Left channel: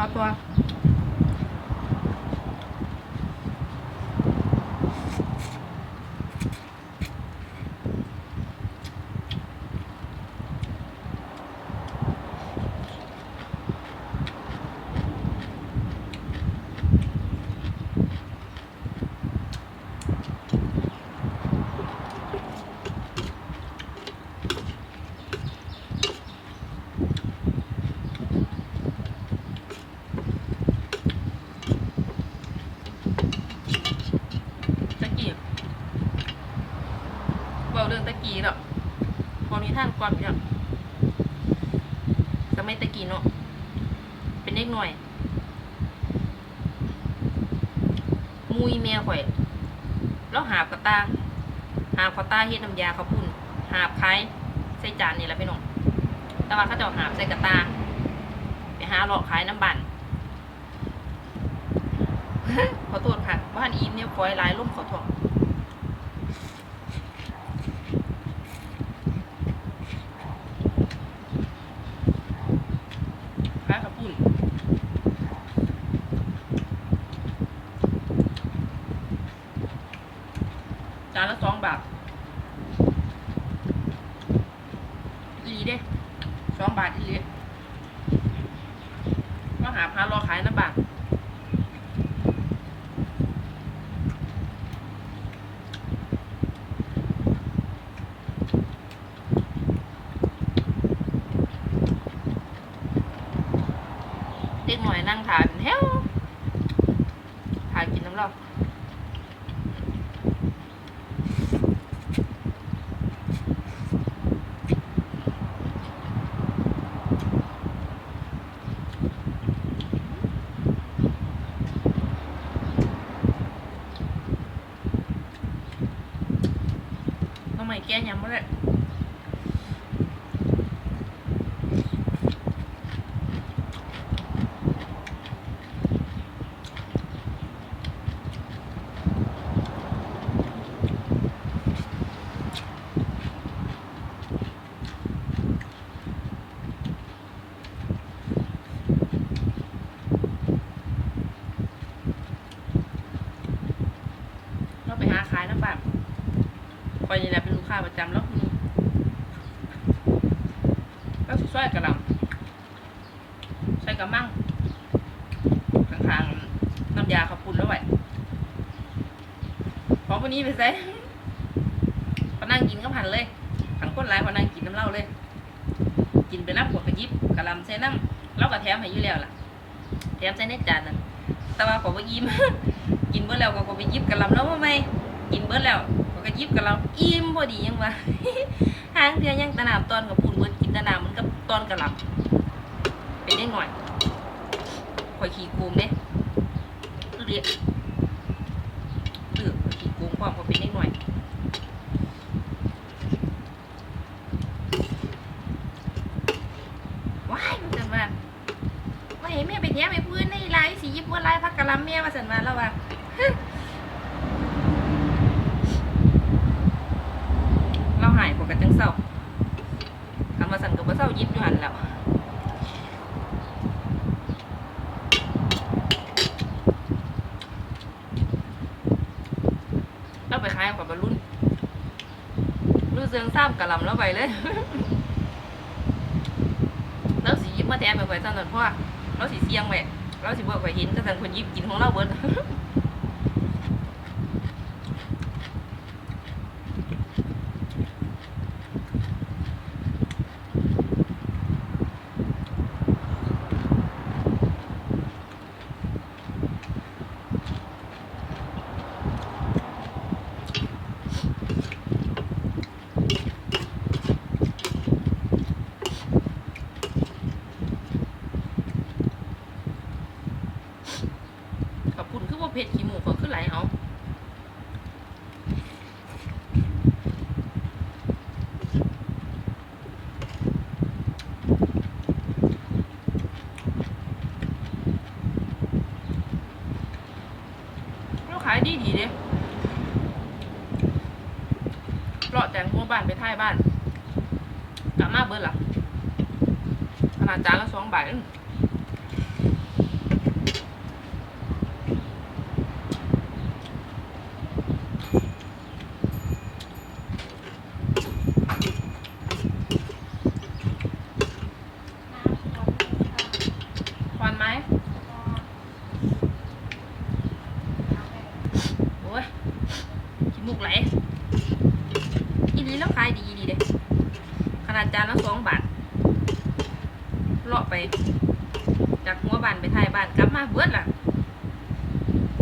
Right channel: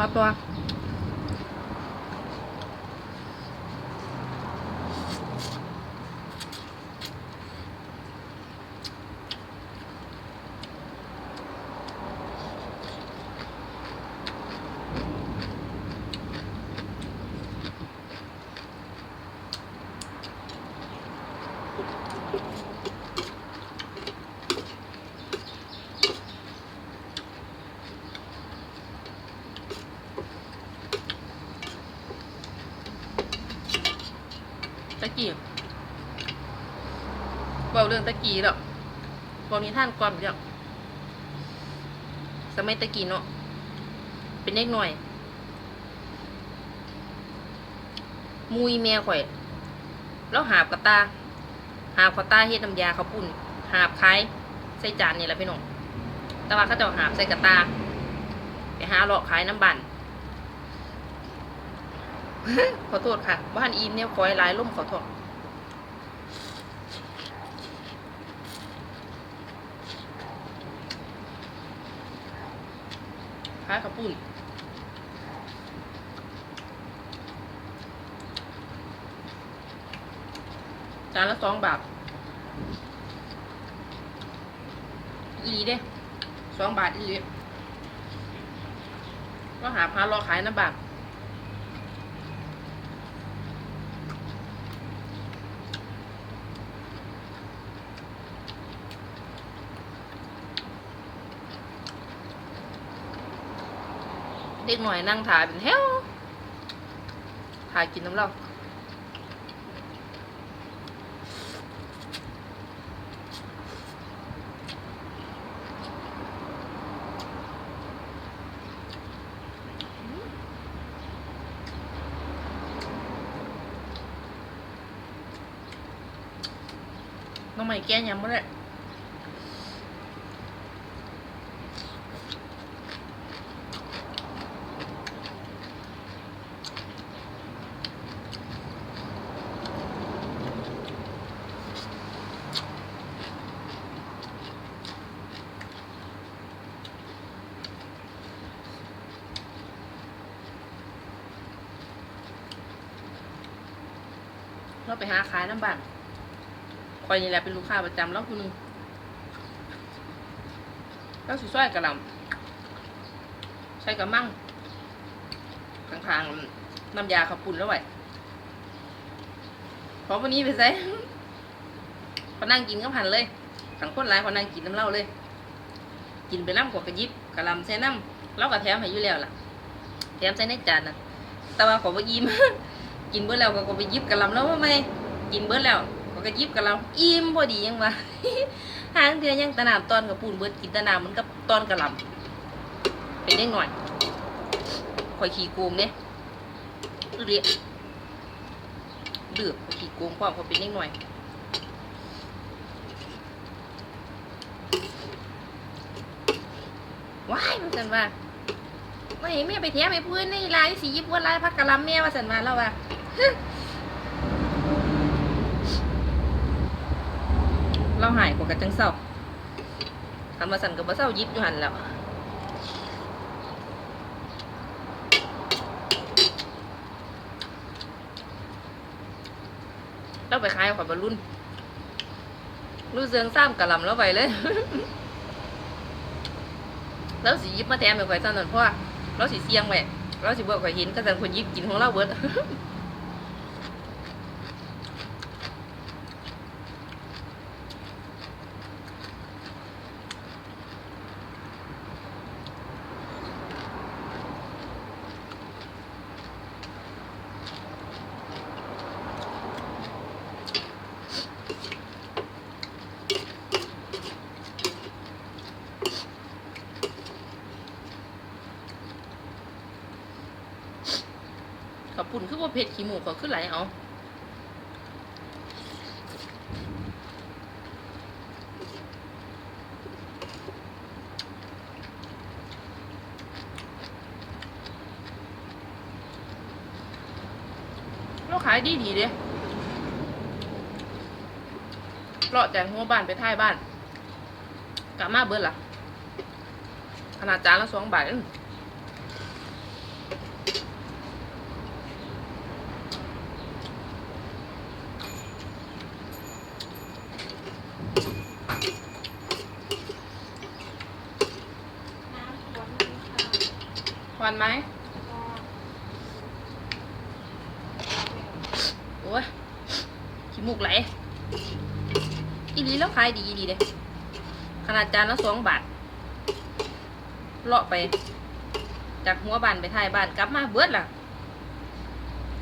ต่อตัวตะกี้บอ กี้หรอกพอมีท่านความเยอะสมัยตะกี้เนาะ เป็นเด็กหน่อย มุยแม่ข่อย แล้วหาบกระตา หาบกระตาเฮ็ดน้ำยาข้าวปุ้นหาบคล้ายใส่จานนี่แหละพี่น้องแต่ว่าเขาจะเอาหาบใส่กระตา ไปหาเลาะขายน้ำบันขอโทษค่ะ บ้านอีมเนี่ยฟอยลายล่มขอโทษขายข้าวปุ้นจานละสองบาท อีหลี เด้สองบาทอีหลีก็หาพารอขายน้ำบาทเด็กหน่อยนั่งถ่ายเป็นแถวถ่ายกินน้ำเหล้า น้องใหม่แก้ยังไม่ได้เราไปหาขายน้ำบัตร อยนี่แหละเป็นลูกค้าประจำแล้วคือหนึงก็สิช่วยกระลำใช้กระมังข้างๆน้ำยาขับปุ่นแล้วไหวพอวันนี้ไปใส่พอนั่งกินก็ผ่านเลยขังคนร้ายพอนั่งกินน้ำเหล้าเลย กินไปน้ำขวดกระยิบกระลำใส่น้ำเราก็แถมให้อยู่แล้วล่ะแถมใส่ในจานนั่นแต่ว่าขอบ่อิ่มกินเบิดแล้วก็ไปยิบกะลำแล้วว่าไม่กินเบิดแล้ว ก็ก็ยิบกะหล่ำอิ่มพอดียังวะทางเทือยังตะนามตอนกับปูนเบิดกินตะนามมันกับตอนกะหล่ำเป็นได้หน่อยข่อยขี้โกงเด้เรียเดือดขี้โกงความก็เป็นได้หน่อยว้ายมันกันว่าไม่เห็นแม่ไปแท้ไปพื้นในลายสียิบว่าลายพักกะลำแม่มาสันมาแล้วว่า เราหายกว่ากันจังเศร้าทำมาสั่นกับว่าเศร้ายิบอยู่หันแล้วเราไปขายกับบรรลุนรู้เสืองซ้ำกระลำแล้วไปเลย แล้วสียิบมาแทนไปไว้ตอนนั้นเพราะเราสีเสียงไว้เราสีเบิกไว้หินก็จะคนยิบกินของเราเบิด กับปุ่นคือว่าเผ็ดขี้หมูเขาขึ้นไหลเอาเราขาย ดีดีๆเด้เลาะจากหัวบ้านไปท้ายบ้านกลับมาเบิดล่ะขนาดจานละสองบาทเอง ก่อนไหมโอ้ย ขี้มูกไหลอีดีแล้วขายดีดีเด้ขนาดจานละสองบาทเลาะไป จากหัวบ้านไปท้ายบ้านกลับมาเบิดล่ะ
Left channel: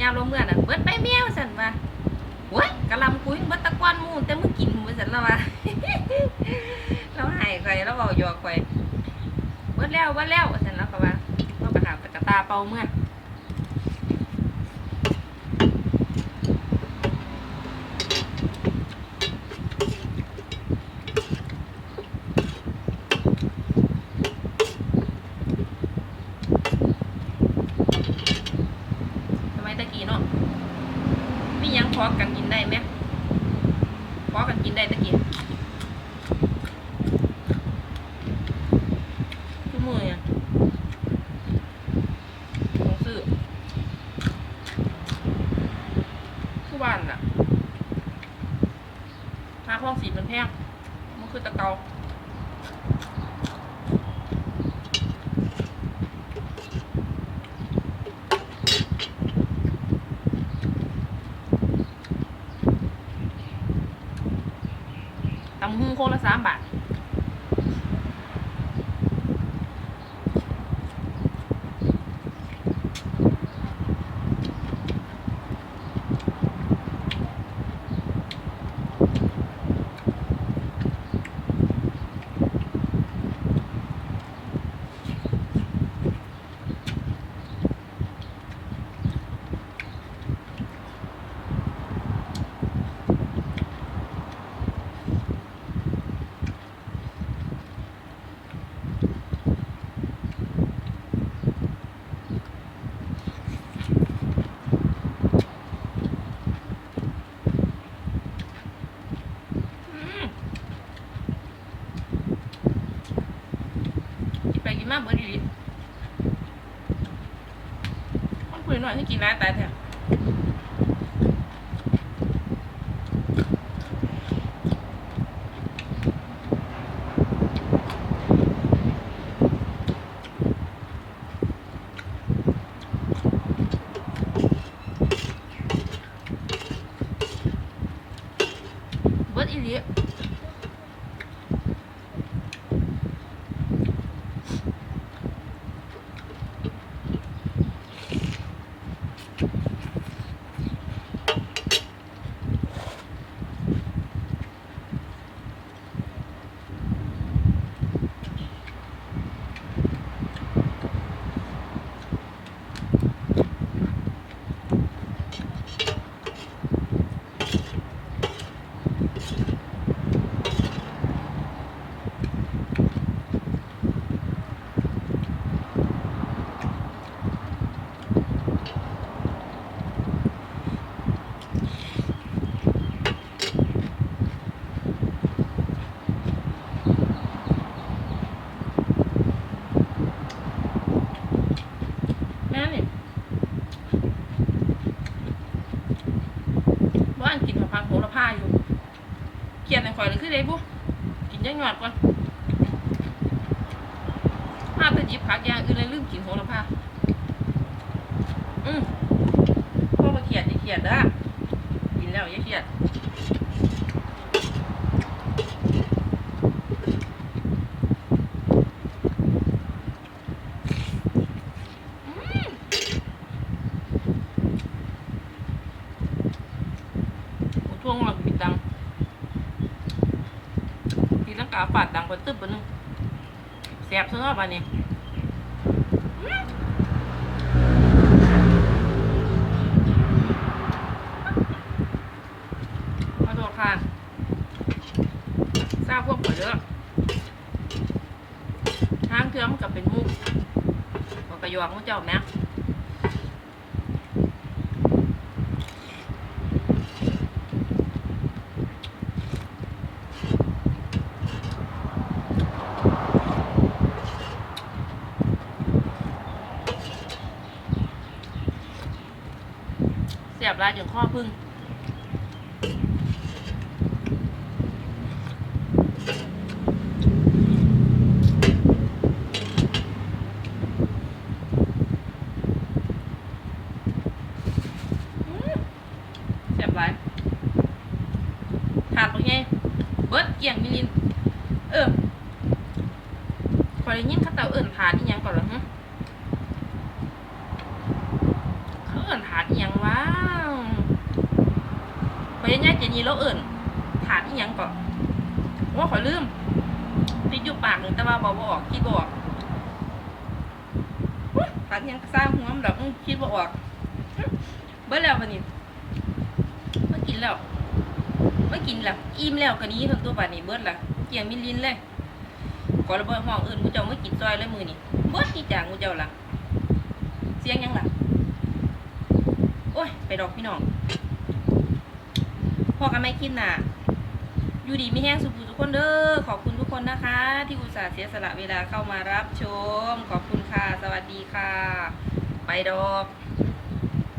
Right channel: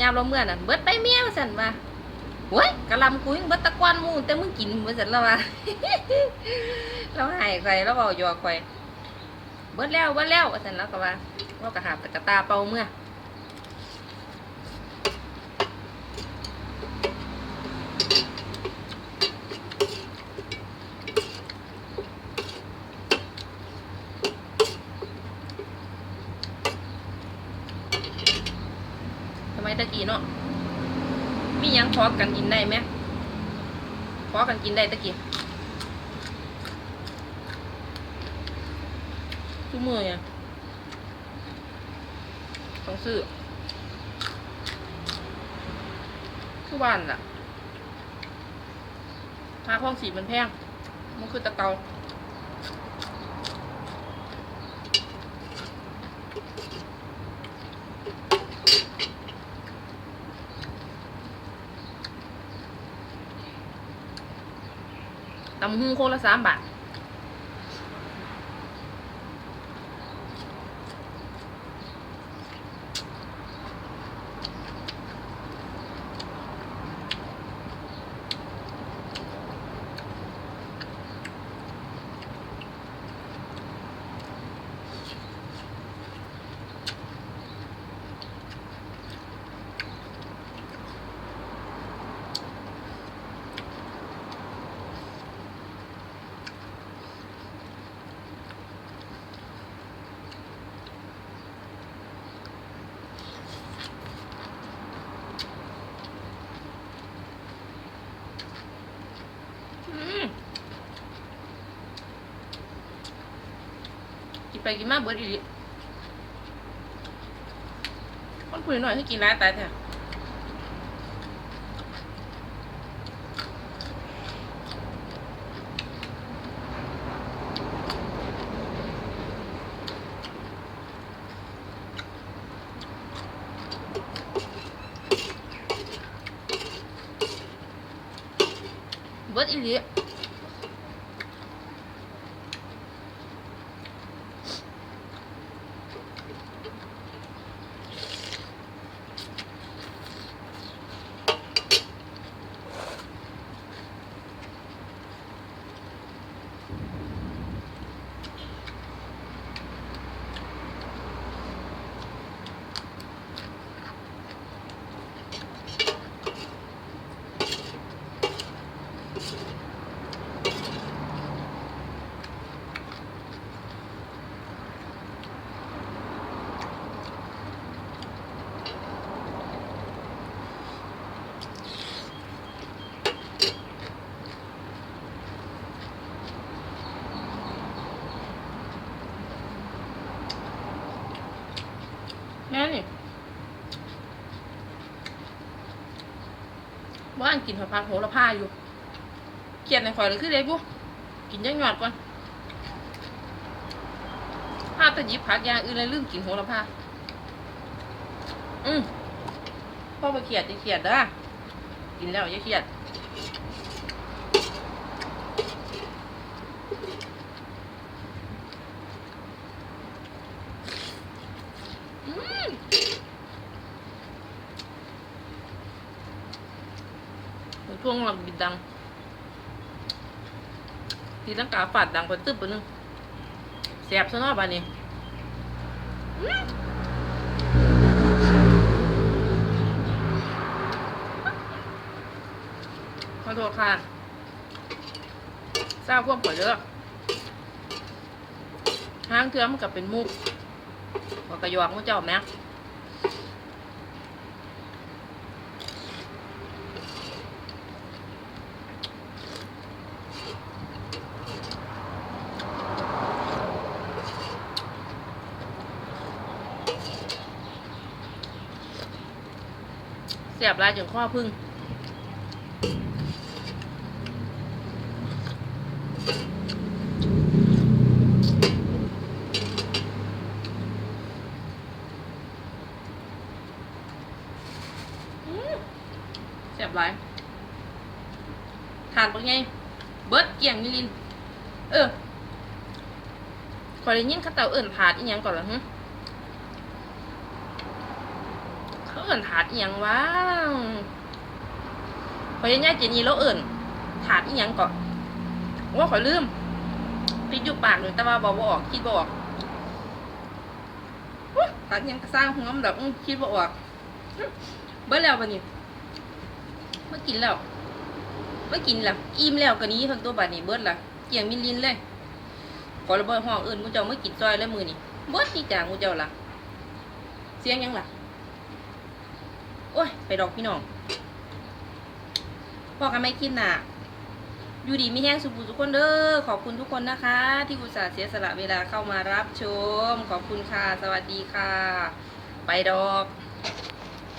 ยามเราเมื่อน่ะเบิดไปเมียวสันว่าโอ้ยกะลำคุยเบิดตะกอนมูแต่มึงกินเบิดสันแล้วว่าเราหายไปเราเบาหยอกไปเบิดแล้วเบิดแล้วสันแล้วก็ว่าเรากระหาบกระตาเป่าเมื่อ ตะกี้เนาะมียังพอกันกินได้ไหมพอกันกินได้ตะกี้ทุกมือเนี่ยต้องซื้อทุกวันล่ะค่าห้องสีมันแพงมันคือตะเกาำหูโคกละสามบาท ไปกินมาเบิดอีหลีคนคุยหน่อยให้กินร้ายตายแท้เบิดอีหลีแม่นี่ บ้านกินผักพันโหระพาอยู่เขียนในข่อยเลยคือเด็กบุกินยังหยอดก่อนถ้าจะหยิบผักอย่างอื่นเลยลืมกินโหระพาอืมพ่อมาเขียดอย่าเขียดเด้อกินแล้วอย่าเขียด ผมช่วงมันบิดดัง ทีลังกาฝาดดังไปตึ๊บไปนึงแสบซะเนาะบานนี้ขอโทษค่ะทราบพวกข่อยเด้อห้างเทือมันกับเป็นมุกว่ากระยอกมุกเจ้าแม่ บลายจนข้อพึ่งแซ่บหลายถาดปักไงเบิร์ดเกี่ยงยินเออคอยได้ยินข้าเต่าเอื่นถาดอีหยังก่อนเหรอฮะ เอิ่นถาดอีหยังวะขอยยังไงเจนี่เราเอิ่นถาดอีหยังก่อนว่าขอยลืมพิดอยู่ปากหนึ่งแต่ว่าบอกว่าออกคิดบอกถาดอียังสร้างหัวมันดอกอื้อคิดบออกอื้อแล้วบัดนี้เมื่อกินแล้วเมื่อกินแล้วอิ่มแล้วกันนี้ทั้งตัวบัดนี้เบิดละเกี่ยงมิลินเลยขอระเบิดห้องอื่นมูเจ้าไม่กินซอยเลยมือนี่เบิดที่จางมูเจ้าละเสียงยังล่ะ โอ้ย ไปดอกพี่น้องพอกันไม่คิดน่ะอยู่ดีไม่แห้งสุขุทุกคนเด้อขอบคุณทุกคนนะคะ ที่อุตส่าห์เสียสละเวลาเข้ามารับชม ขอบคุณค่ะ สวัสดีค่ะ ไปดอก